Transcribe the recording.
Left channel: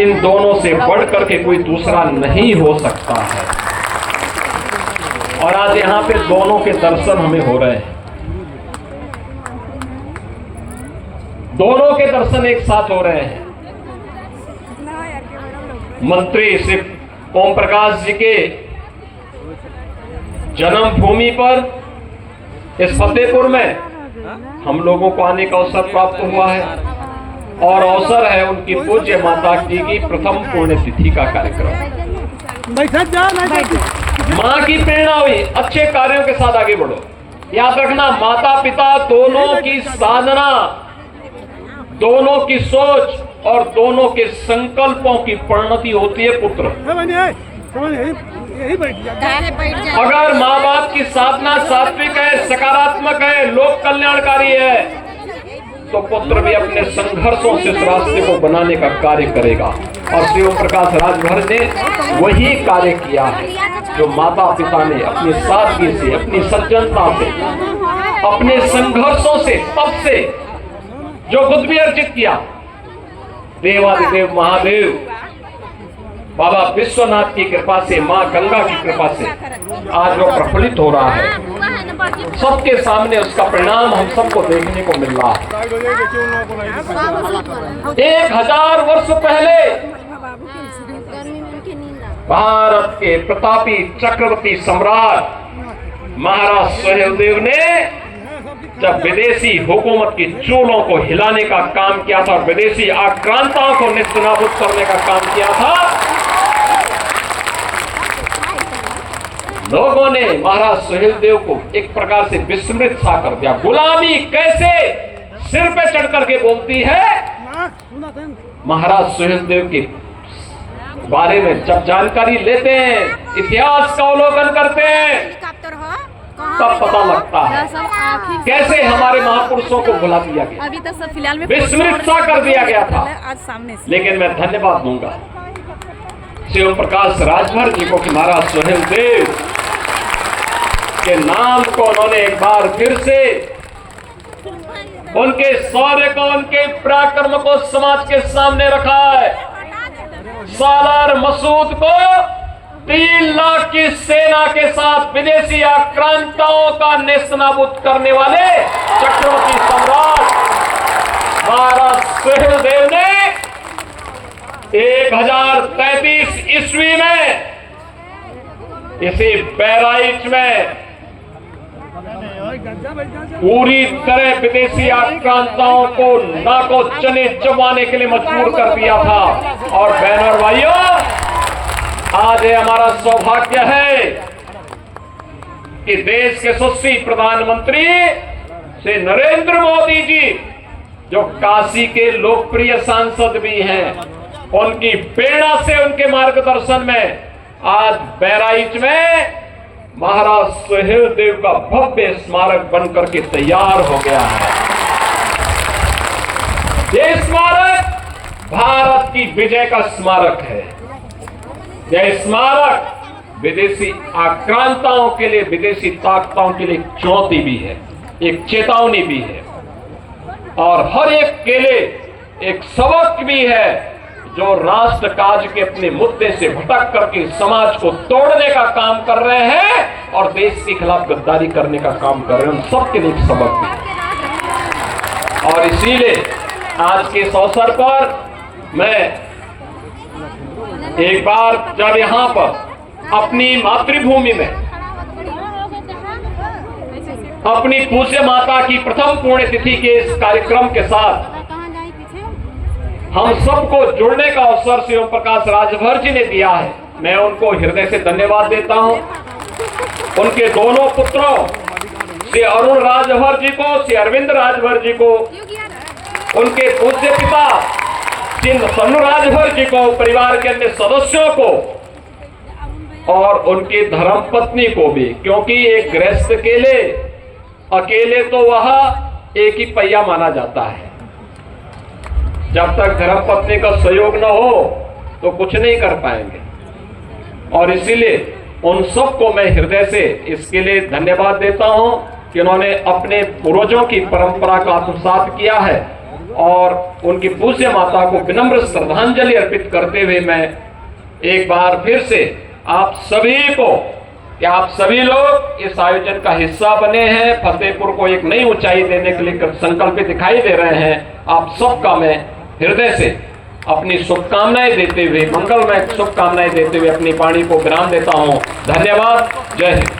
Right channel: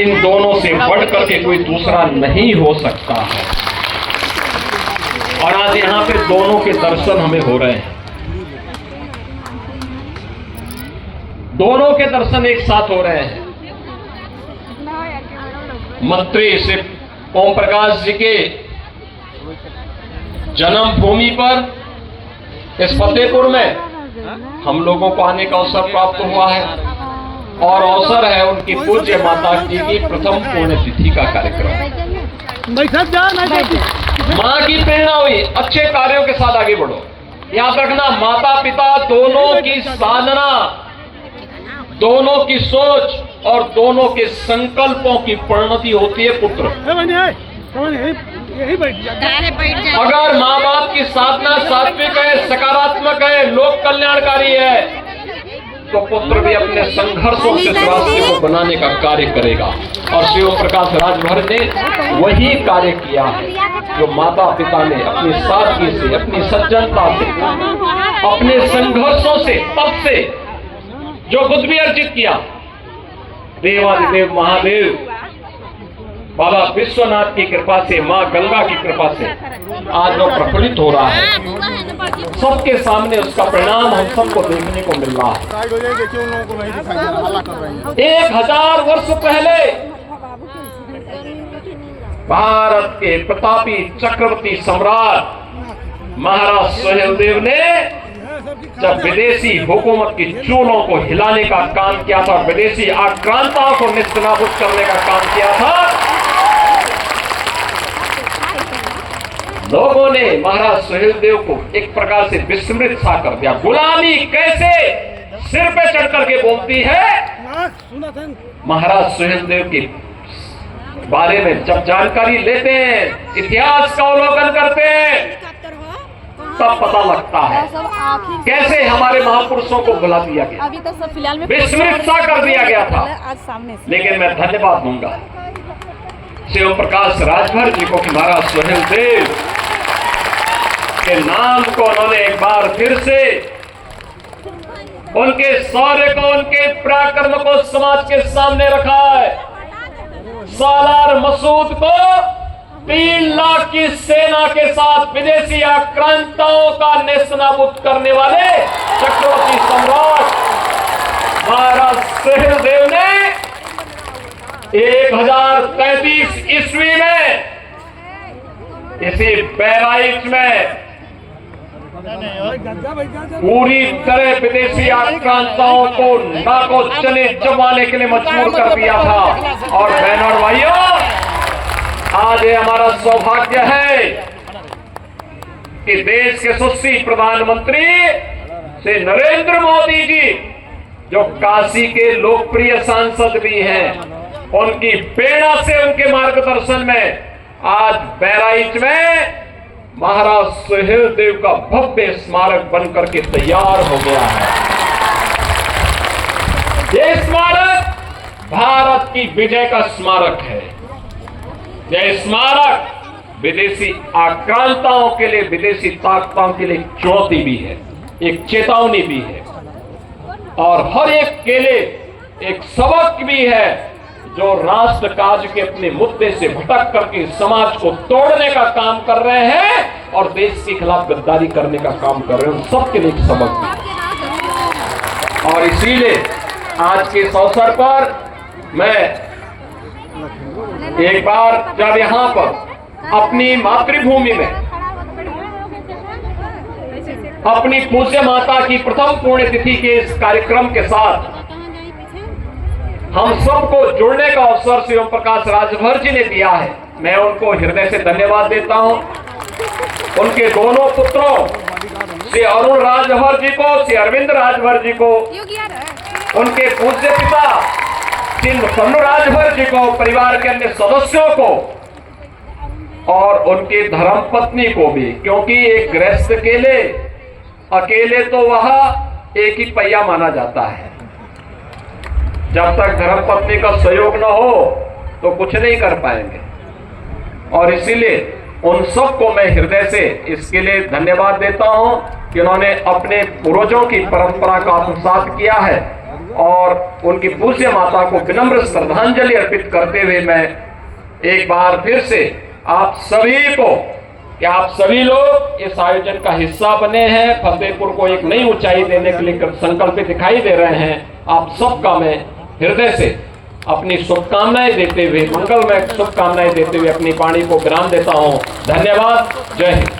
इन दोनों से बढ़कर के कोई दूसरा नहीं हो सकता है। और आज यहाँ पे दोनों के दर्शन हमें हो रहे हैं, दोनों के दर्शन एक साथ हो रहे हैं। मंत्री श्री ओम प्रकाश जी के जन्मभूमि पर इस फतेहपुर में हम लोगों को आने का अवसर प्राप्त हुआ है और अवसर है उनकी पूज्य माता जी की प्रथम पुण्यतिथि का कार्यक्रम। माँ की प्रेरणा हुई, अच्छे कार्यों के साथ आगे बढ़ो। याद रखना, माता पिता दोनों की साधना, दोनों की सोच और दोनों के संकल्पों की परिणति होती है पुत्र। अगर माँ बाप की साधना सात्विक है, सकारात्मक है, लोक कल्याणकारी है, तो पुत्र भी अपने संघर्षों से इस रास्ते को बनाने का कार्य करेगा। और श्री ओम प्रकाश राजभर ने वही कार्य किया है जो माता पिता ने अपनी सादगी से, अपनी सज्जनता से, अपने संघर्षों से, तप से जो कुछ भी अर्जित किया। देवादिदेव महादेव बाबा विश्वनाथ की कृपा से, माँ गंगा की कृपा से आज जो प्रफुल्लित हो रहा है, सबके सामने उसका परिणाम हम सबको देखने को मिल रहा है। 1000 वर्ष पहले भारत के प्रतापी चक्रवर्ती सम्राट महाराज सुहेलदेव ने जब विदेशी हुकूमत की चूलों को हिलाने का काम किया था, विदेशी आक्रांताओं को नेस्तनाबूद करने का काम किया था, लोगों ने महाराज सुहेलदेव को एक प्रकार से विस्मृत सा कर दिया। गुलामी कैसे सिर पे चढ़ करके बोलती है। महाराज सुहेलदेव के बारे में जब जानकारी लेते हैं, इतिहास का अवलोकन करते हैं, तब पता लगता है कैसे हमारे महापुरुषों को भुला दिया गया, अभी तक सब फिलहाल में विस्मृत सा कर दिया गया था। आज सामने से। लेकिन मैं धन्यवाद दूंगा श्री ओम प्रकाश राजभर जी को कि महाराज सुहेलदेव के नाम को उन्होंने एक बार फिर से, उनके शौर्य को, उनके पराक्रम को समाज के सामने रखा है। सालार मसूद को 3 लाख की सेना के साथ विदेशी आक्रांताओं का नेस्तनाबूद करने वाले चक्रवर्ती सम्राट महाराज सुहेलदेव ने 1033 ईस्वी में इसी बहराइच में पूरी तरह विदेशी आक्रांताओं को नाको चने चबाने के लिए मजबूर कर दिया था। और बहनों और भाइयों, आज ये हमारा सौभाग्य है कि देश के यशस्वी प्रधानमंत्री श्री नरेंद्र मोदी जी, जो काशी के लोकप्रिय सांसद भी हैं, उनकी प्रेरणा से, उनके मार्गदर्शन में आज बहराइच में महाराज सुहेलदेव का भव्य स्मारक बनकर के तैयार हो गया है। ये स्मारक भारत की विजय का स्मारक है। यह स्मारक विदेशी आक्रांताओं के लिए, विदेशी ताकतों के लिए चुनौती भी है, एक चेतावनी भी है, और हर एक के लिए एक सबक भी है। जो राष्ट्र काज के अपने मुद्दे से भटक करके समाज को तोड़ने का काम कर रहे हैं और देश के खिलाफ गद्दारी करने का काम कर रहे हैं, उन सबके लिए एक सबक भी। और इसीलिए आज के इस अवसर पर मैं एक बार जब यहाँ पर अपनी मातृभूमि में अपनी पूज्य माता की प्रथम पुण्यतिथि के इस कार्यक्रम के साथ हम सबको जुड़ने का अवसर श्री ओम प्रकाश राजभर जी ने दिया है, मैं उनको हृदय से धन्यवाद देता हूं। उनके दोनों पुत्रों श्री अरुण राजभर जी को, श्री अरविंद राजभर जी को, उनके पूज्य पिता श्री सन्नू राजभर जी को, परिवार के अन्य सदस्यों को और उनकी धर्मपत्नी को भी, क्योंकि एक गृहस्थ के लिए अकेले तो वह एक ही पहिया माना जाता है। जब तक धर्मपत्नी का सहयोग न हो तो कुछ नहीं कर पाएंगे। और इसीलिए उन सबको मैं हृदय से इसके लिए धन्यवाद देता हूं कि उन्होंने अपने पूर्वजों की परंपरा का आत्मसात किया है और उनकी पूज्य माता को विनम्र श्रद्धांजलि अर्पित करते हुए मैं एक बार फिर से आप सभी को, कि आप सभी लोग इस आयोजन का हिस्सा बने हैं, फतेहपुर को एक नई ऊंचाई देने के लिए संकल्पित दिखाई दे रहे हैं। आप सबका मैं हृदय से अपनी शुभकामनाएं देते हुए, मंगलमय शुभकामनाएं देते हुए अपनी वाणी को विराम देता हूं। धन्यवाद। जय हिंद।